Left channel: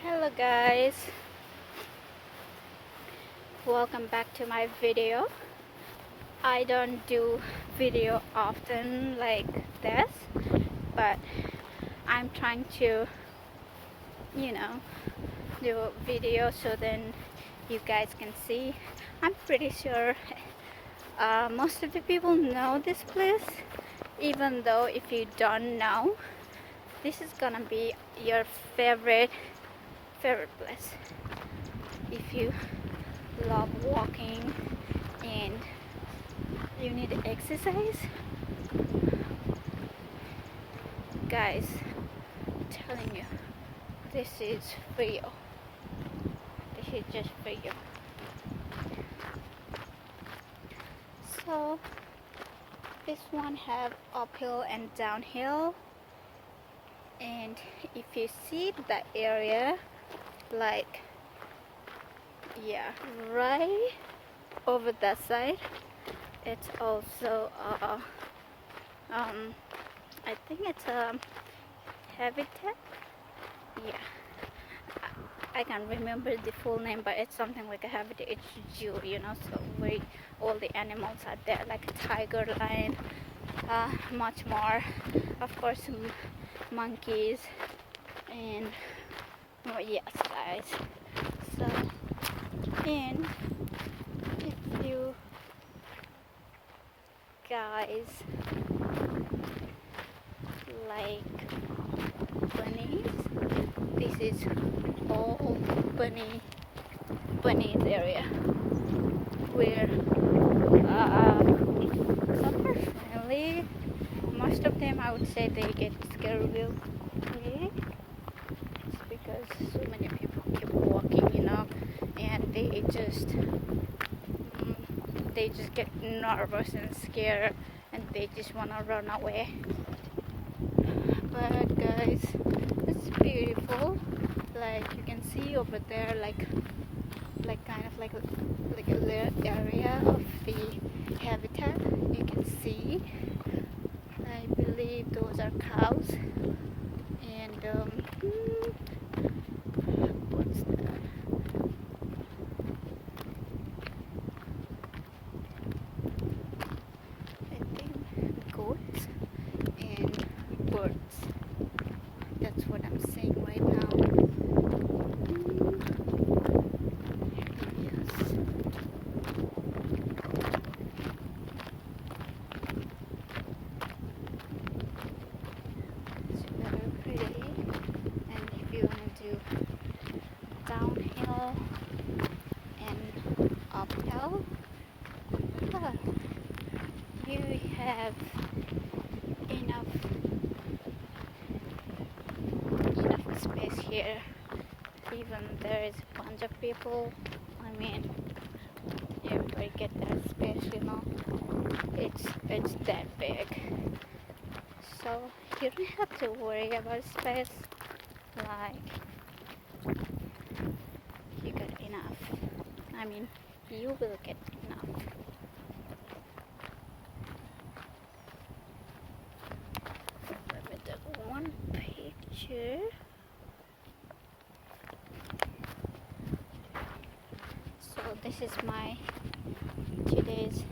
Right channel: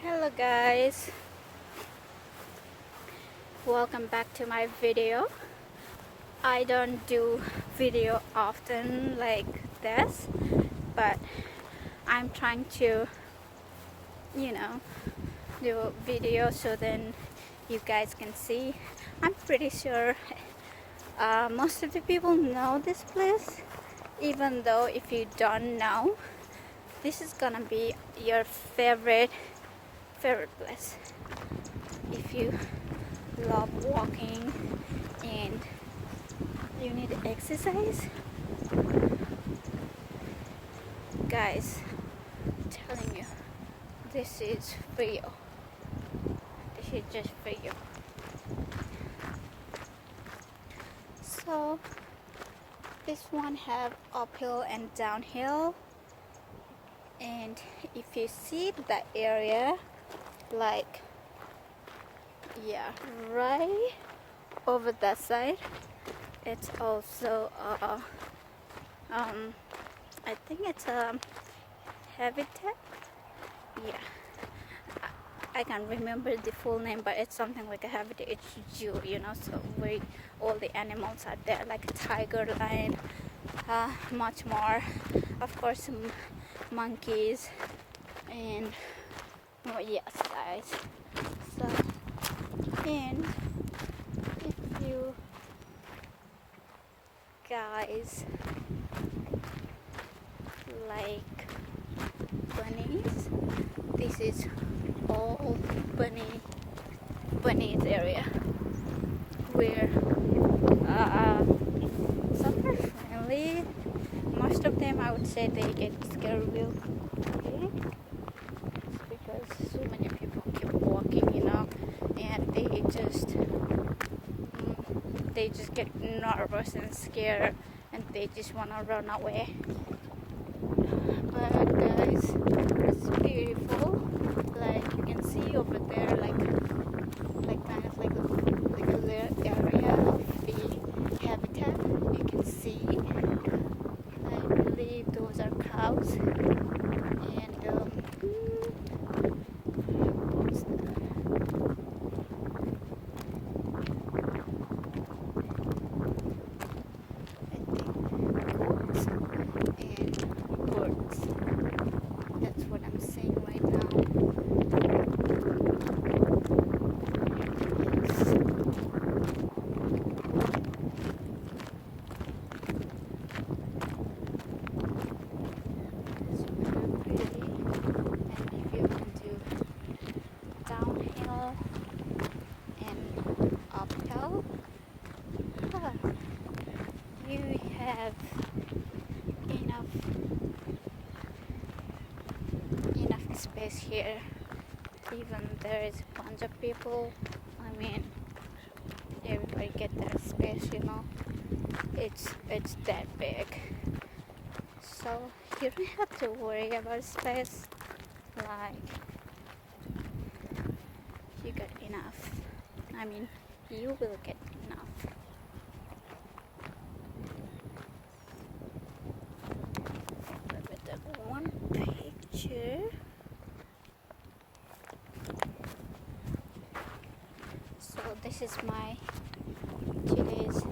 Hello guys, welcome back to my video. I don't do video often like this, but I'm trying to do a video so then you guys can see. I'm pretty sure most of the people know this place, even though if you don't know, this is gonna be your favorite place if you love walking and you need exercise. Guys, I'm telling you, this is for you. This is just for you. So this one have uphill and downhill, and if you see the area, like right over that side, it's also I think it's a habitat. I can't remember the full name, but it's something like a habitat. It's zoo, so where all the animals are there, like a tiger, lion, much more, of course, monkeys, and yes guys. So, and if you guys like bunnies, this is all bunnies area where super friendly. Most of them, I would say, they get scared real quick. It's because so many people keep walking, and they just get nervous and scared, and they just want to run away. But guys, it's beautiful. Like you can see over there, like kind of like a little area of the habitat. You can see, I believe those are cows, and what's that? I think goats and birds. That's what I'm seeing right now. Downhill and uphill, you have enough space here. Even there is a bunch of people, I mean, everybody get that space, it's that big, so you don't have to worry about space. Like, you got enough. I mean, you will get enough. Let me take one picture. So this is my today's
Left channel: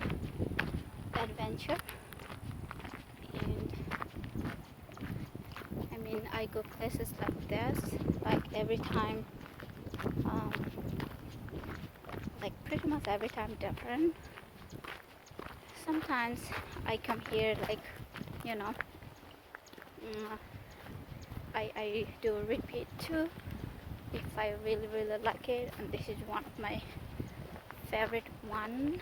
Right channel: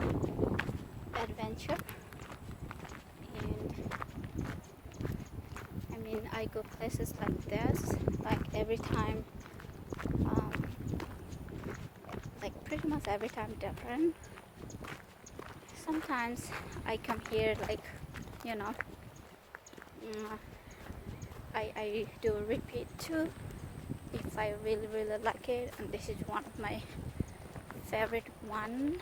adventure, and I mean, I go places like this, like every time, like pretty much every time different. Sometimes I come here like, I do repeat too if I really like it, and this is one of my favorite one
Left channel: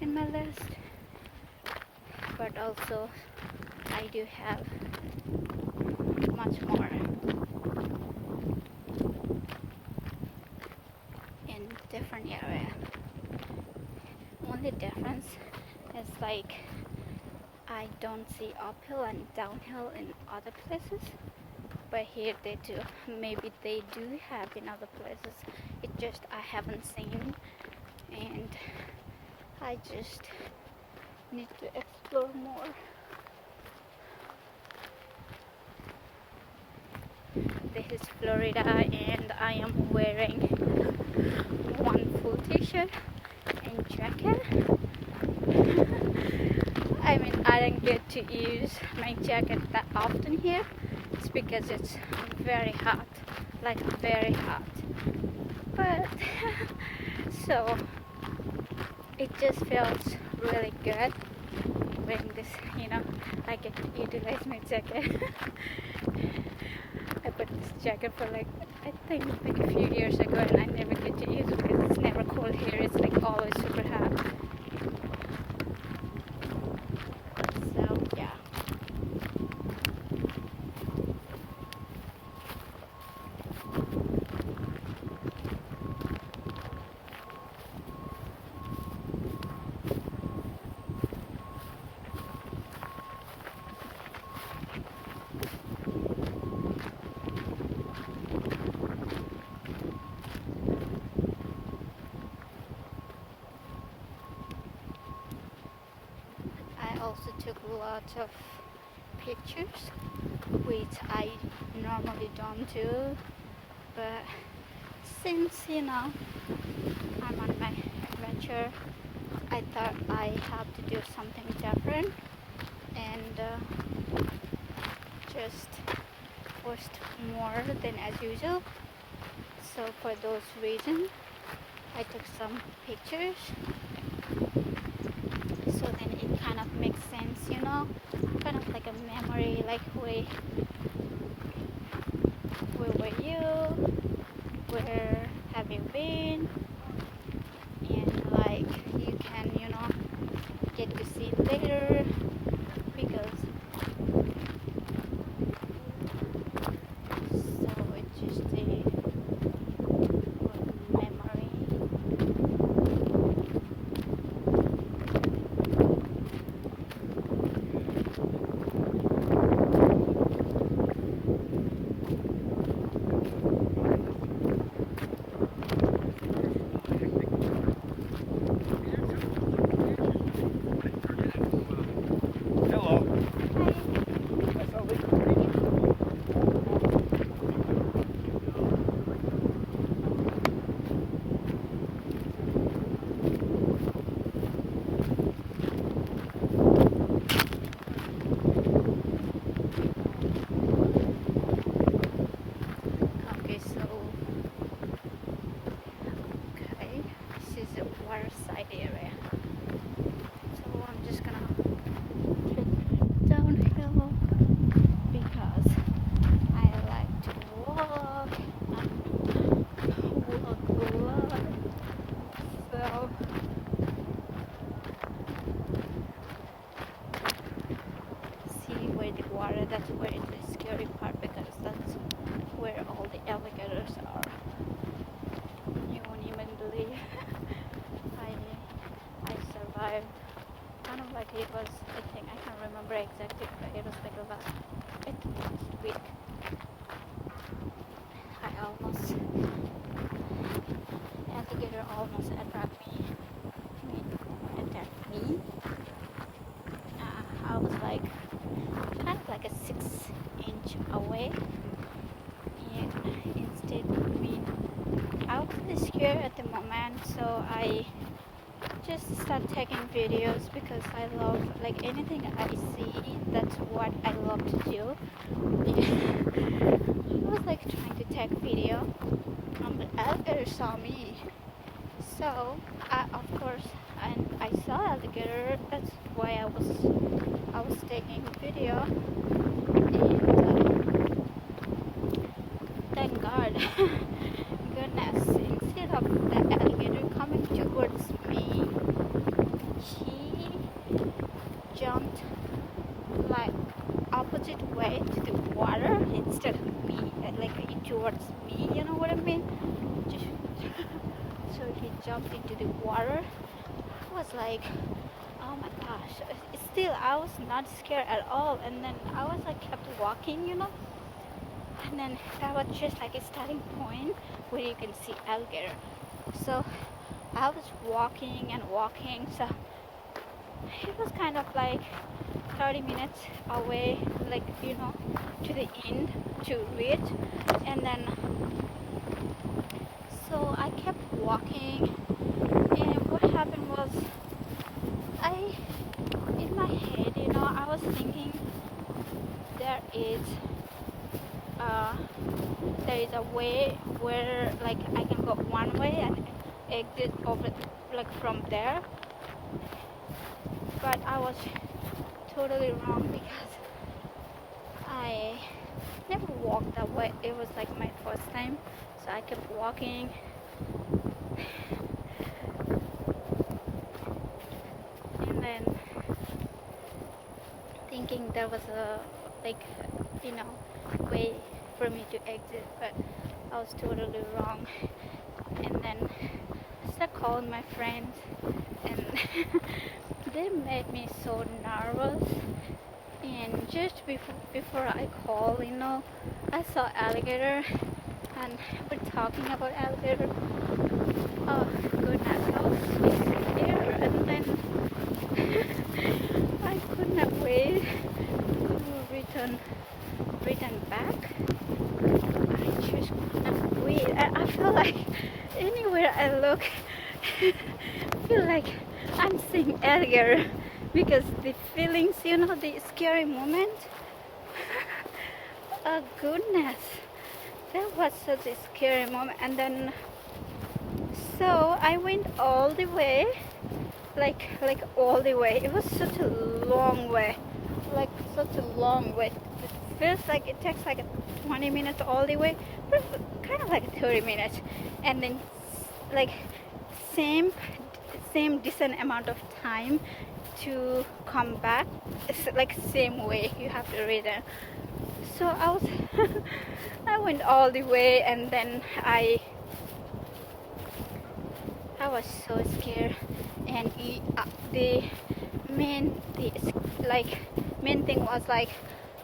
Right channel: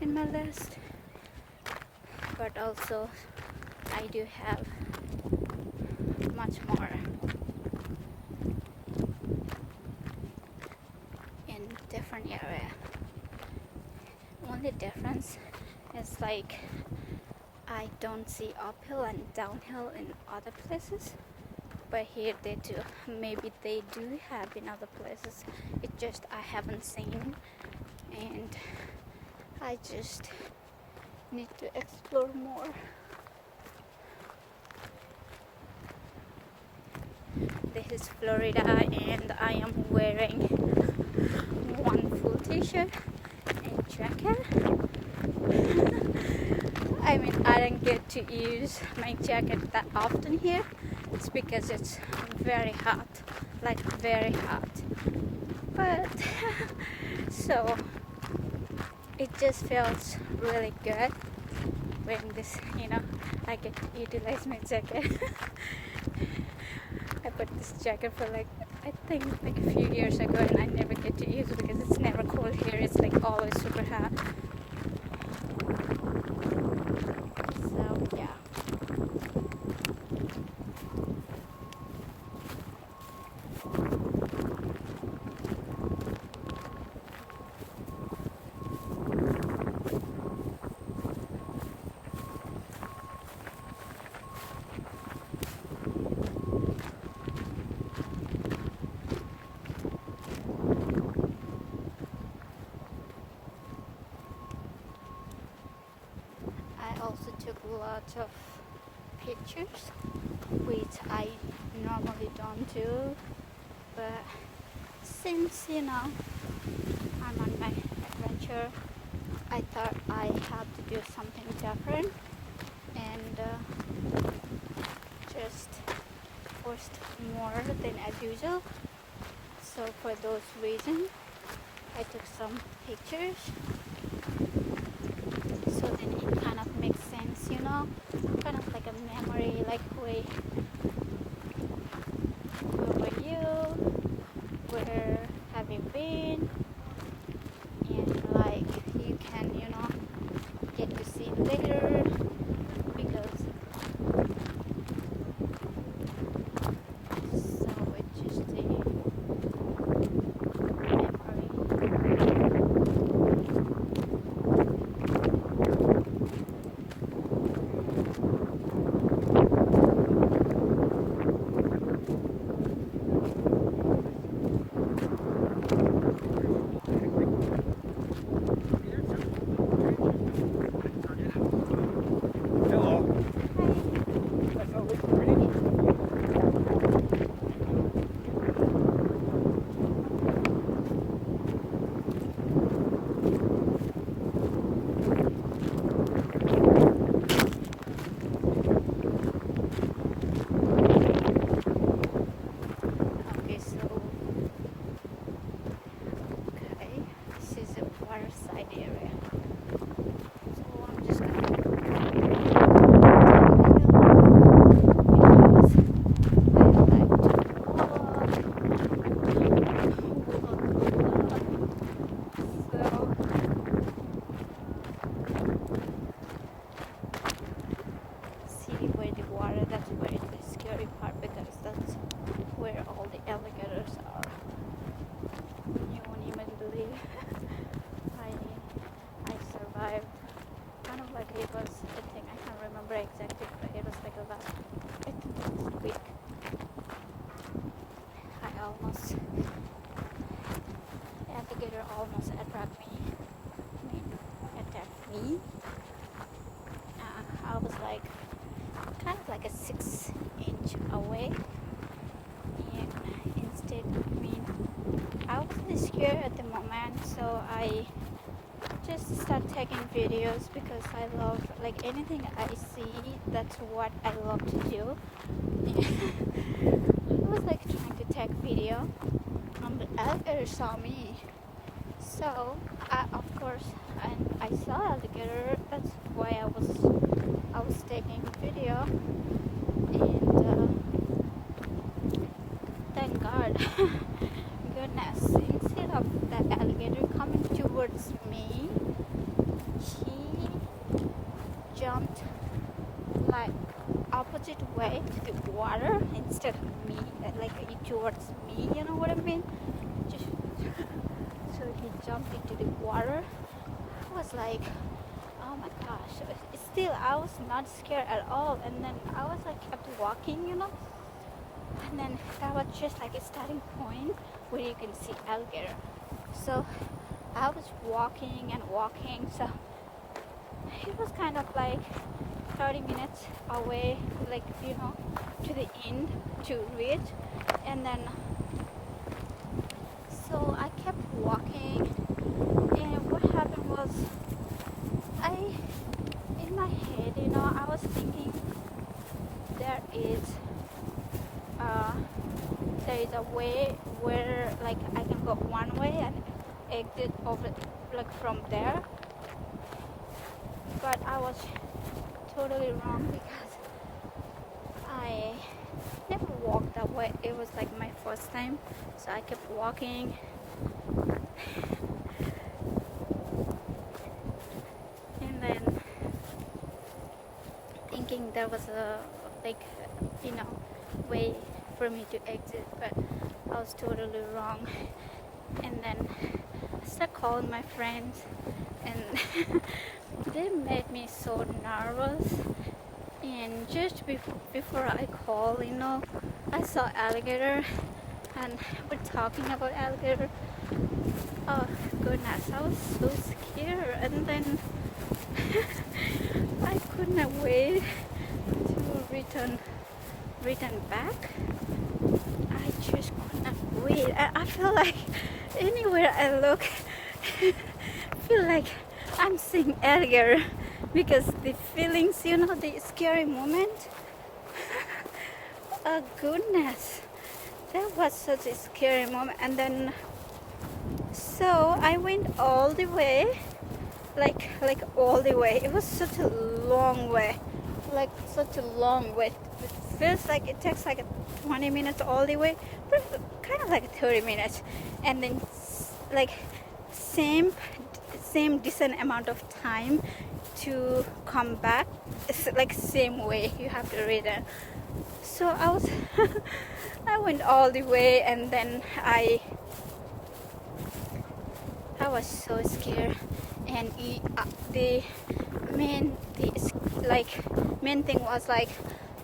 in my list. But also I do have much more in different area. Only difference is like I don't see uphill and downhill in other places, but here they do. Maybe they do have in other places. It's just I haven't seen, and I just need to explore more. this is Florida and I am wearing one full t-shirt and jacket. I mean, I don't get to use my jacket that often here. It's because it's very hot, like very hot. But so it just feels really good wearing this, you know. I get to utilize my jacket. I put this jacket for like, I think like a few years ago, and I never get to use it because it's never cold here. It's like always super hot. So yeah. I also took a lot of pictures, which I normally don't do, but since, you know, I'm on my adventure, I thought I had to do something different and just post more than as usual. So for those reasons, I took some pictures. So then it kind of makes sense, you know, kind of like a memory, like where were you, where have you been, and like you can, you know, get to see later, because so it's just a memory. Okay, so okay, this is a waterside area. So I'm just gonna because I like to walk. So see where the water, that's where it's the scary part, because that's where all the alligators are. You won't even believe I survived. Kind of like it was, I think, I can't remember exactly, but it was like last week. Alligator almost attacked me. I was like, kind of like a 6-inch away, and instead, I mean, I was really scared at the moment, so I just start taking videos because I love, like, anything I see, that's what I love to do. I was like trying to take video, the alligator saw me, so of course, and I saw alligator, that's why I was taking video, and thank God. Goodness, instead of that alligator coming towards me, he jumped like opposite way to the water instead of me, like towards me, you know what I mean? So he jumped into the water. I was like, oh my gosh. Still, I was not scared at all, and then I was like kept walking, you know, and then that was just like a starting point where you can see alligator. So I was walking and walking, so it was kind of like 30 minutes away, like, you know, to the end to reach, And then so I kept walking, and what happened was in my head, I was thinking there is uh, there is a way where like I can go one way and exit over like from there, but I was totally wrong because I never walked that way. It was like my first time, so I kept walking. And then thinking there was a like way for me to exit, but I was totally wrong. And then I started calling my friends, and they made me so nervous. And just before I call, I saw alligator, and we're talking about alligator. Oh goodness, I was so scared. And then I could not wait to return back. I just could not wait. I feel like anywhere I look, I feel like I'm seeing alligator, because the feelings, the scary moment. Oh goodness, that was such a scary moment. And then so I went all the way, like all the way. It was such a long way, like such a long way. It feels like it takes like 20 minutes all the way, but kind of like 30 minutes. And then like same decent amount of time to come back. It's like same way you have to return. So I went all the way, and then I was so scared. And the main thing was like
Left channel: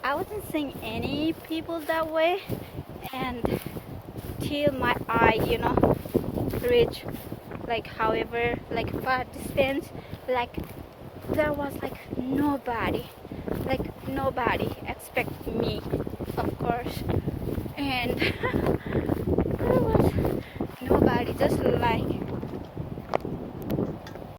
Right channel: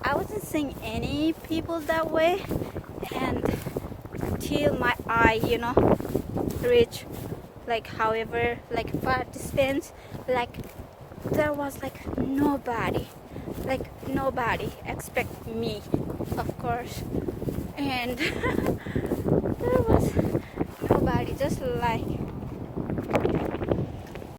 I wasn't seeing any people that way, and till my eye reached like however like far distance, like there was like nobody except me, of course. And there was nobody, just like